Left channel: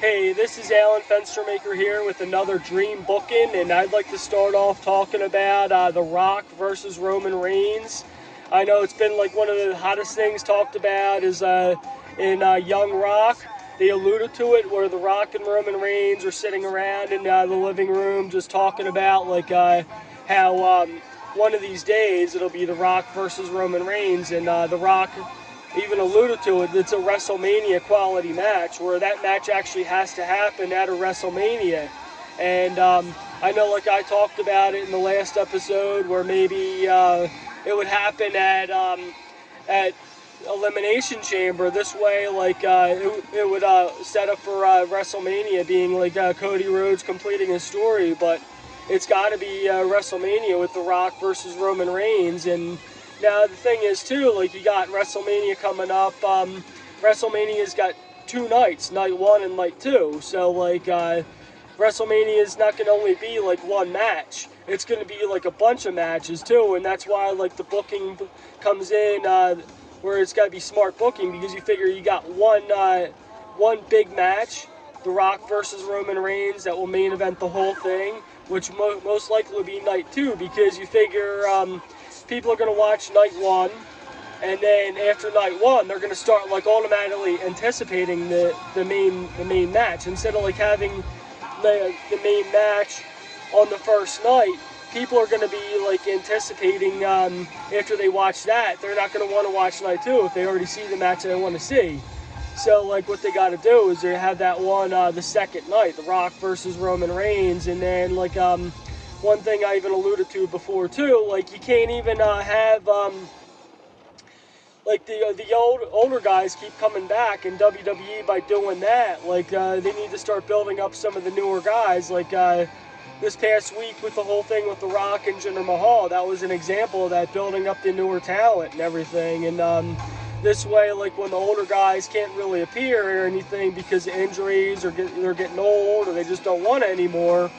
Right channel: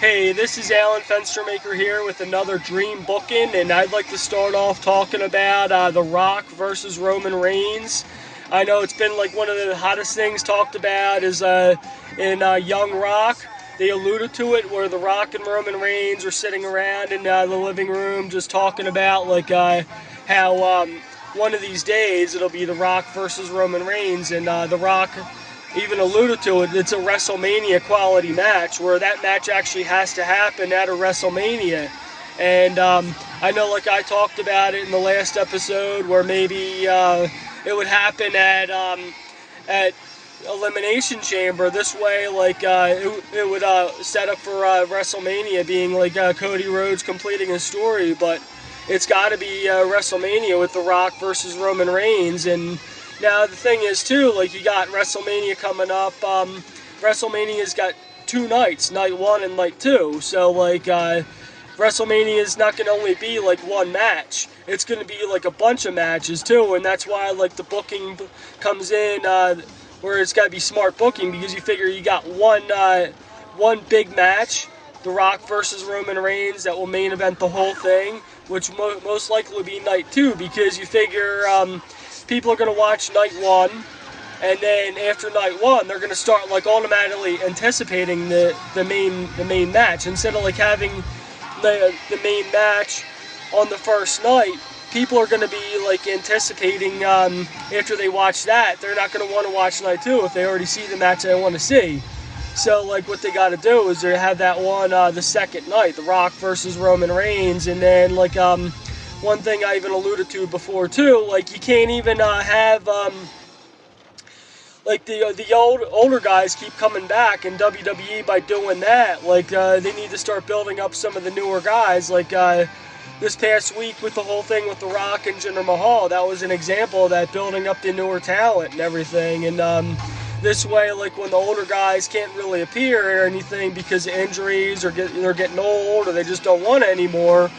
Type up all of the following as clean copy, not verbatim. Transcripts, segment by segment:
Hey, this is Alan Fenstermaker here with another dream booking, and I'd like to start off talking about The Rock versus Roman Reigns. I know it's been like one of the hottest things talked about is in Young Rock. They alluded to it where The Rock and Roman Reigns are sitting around in the living room just talking about how one of these days it'll be The Rock versus Roman Reigns, and The Rock even alluded to it. It's a WrestleMania quality match where that match actually has to happen at a WrestleMania. And I know, like I talked about it in the last episode, where maybe it would happen at Elimination Chamber. This way, it would set up for WrestleMania being like Cody Rhodes completing his story, but it's got to be WrestleMania with The Rock versus Roman Reigns. And now the thing is too, like you got WrestleMania coming up. WrestleMania's got two nights, night one and night two. So WrestleMania is not going to only be like one match. It's going to be like a bunch of matches too, and that's why like the booking comes in where it's got to be smart booking, because you figure you got one big match, The Rock versus Roman Reigns, that will main event the whole thing, which most likely will be night two, because you figure people are going to watch night one, and then after night one, they're going to start like automatically anticipating the main match, instead of like having the main match on the first night. People are going to be like anticipating after they watch that. They're not going to want to watch night two if they already see the match they want to see. So like what they got to do is they have that one the second night, The Rock versus Roman Reigns, and then one thing I even alluded to before too, like you can't even have like the older guys keep coming back in WWE by doing that. Like they need to start building up some of the newer guys. Like this past week with the whole thing with The Rock and Jinder Mahal, that was an example of that, building up the newer talent and everything. And this way, like when the older guys can't really appear or anything because of injuries or they're getting old or they just don't want it anymore,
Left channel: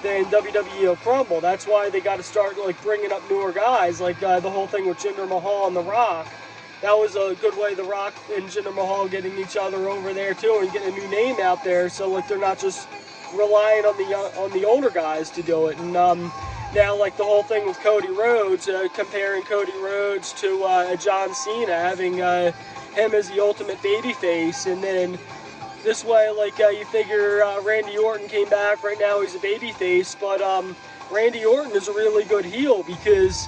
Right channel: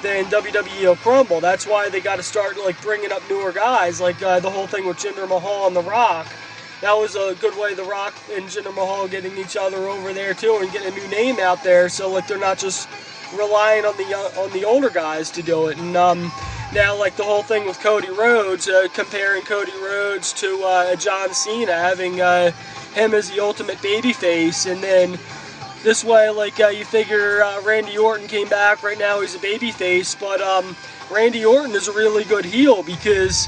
then WWE will crumble. That's why they got to start like bringing up newer guys, like the whole thing with Jinder Mahal and The Rock. That was a good way, The Rock and Jinder Mahal getting each other over there too, and getting a new name out there. So like they're not just relying on the older guys to do it. And now like the whole thing with Cody Rhodes, comparing Cody Rhodes to John Cena, having him as the ultimate babyface, and then this way, like you figure Randy Orton came back. Right now he's a babyface, but Randy Orton is a really good heel because,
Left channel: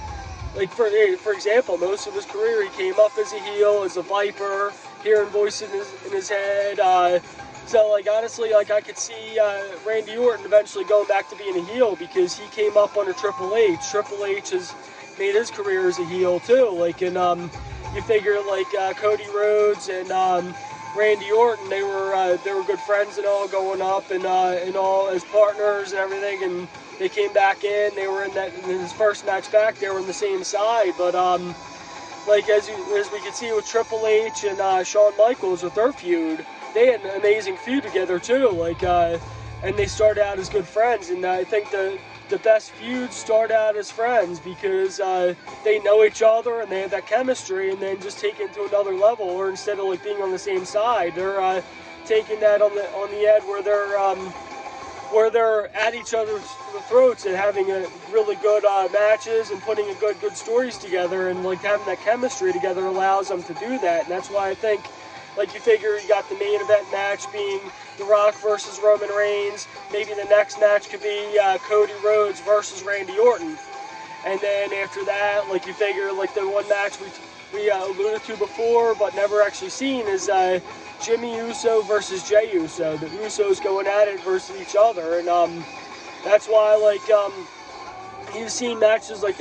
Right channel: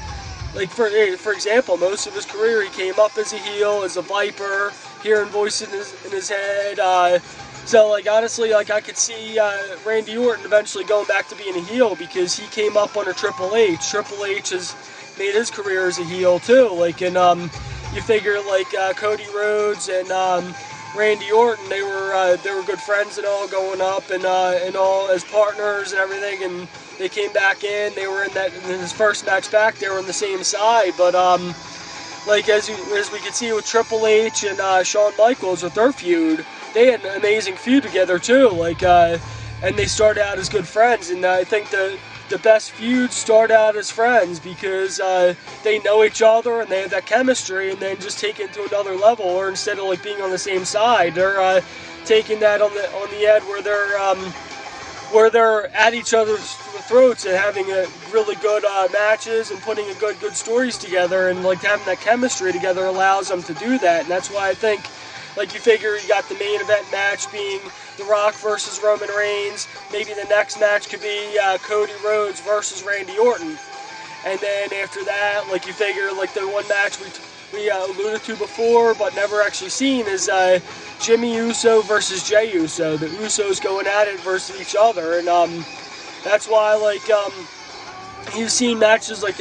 like for example, most of his career he came up as a heel, as a Viper, hearing voice in his head. So like honestly, like I could see Randy Orton eventually going back to being a heel because he came up under Triple H. Triple H has made his career as a heel too. Like and you figure like Cody Rhodes and Randy Orton, they were good friends and all going up and all as partners and everything, and they came back in. They were in his first match back. They were on the same side, but like as we could see with Triple H and Shawn Michaels with their feud, they had an amazing feud together too. Like and they started out as good friends, and I think the best feuds start out as friends because they know each other and they have that chemistry, and then just take it to another level. Or instead of like being on the same side, they're taking that on the end where they're at each other's throats and having a really good matches and putting a good stories together, and like having that chemistry together allows them to do that. And that's why I think, like you figure you got the main event match being The Rock versus Roman Reigns. Maybe the next match could be Cody Rhodes versus Randy Orton. And then after that, like you figure like the one match we alluded to before but never actually seen is Jimmy Uso versus Jey Uso. The Usos going at it versus each other. And that's why like you've seen matches like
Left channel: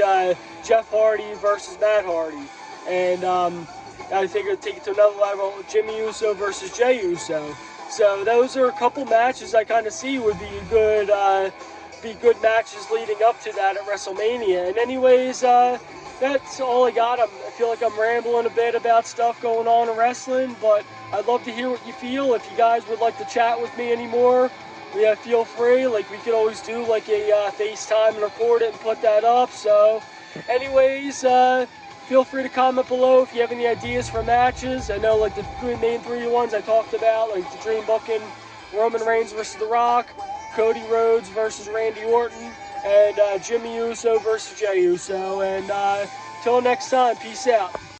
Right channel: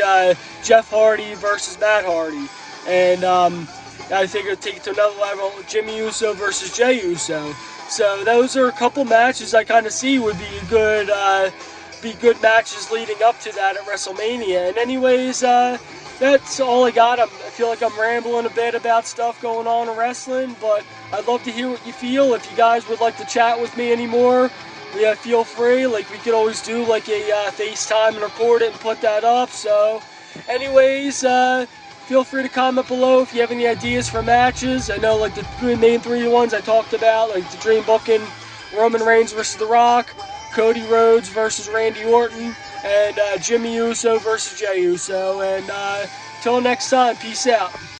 Jeff Hardy versus Matt Hardy. And I figure take it to another level with Jimmy Uso versus Jey Uso. So those are a couple matches I kind of see would be good matches leading up to that at WrestleMania. And anyways, that's all I got. I feel like I'm rambling a bit about stuff going on in wrestling, but I'd love to hear what you feel. If you guys would like to chat with me anymore, yeah, feel free. Like we could always do like a FaceTime and record it and put that up. So anyways, feel free to comment below if you have any ideas for matches. I know like the main three ones I talked about, like the Dream Booking Roman Reigns versus The Rock, Cody Rhodes versus Randy Orton, and Jimmy Uso versus Jey Uso. And till next time, peace out.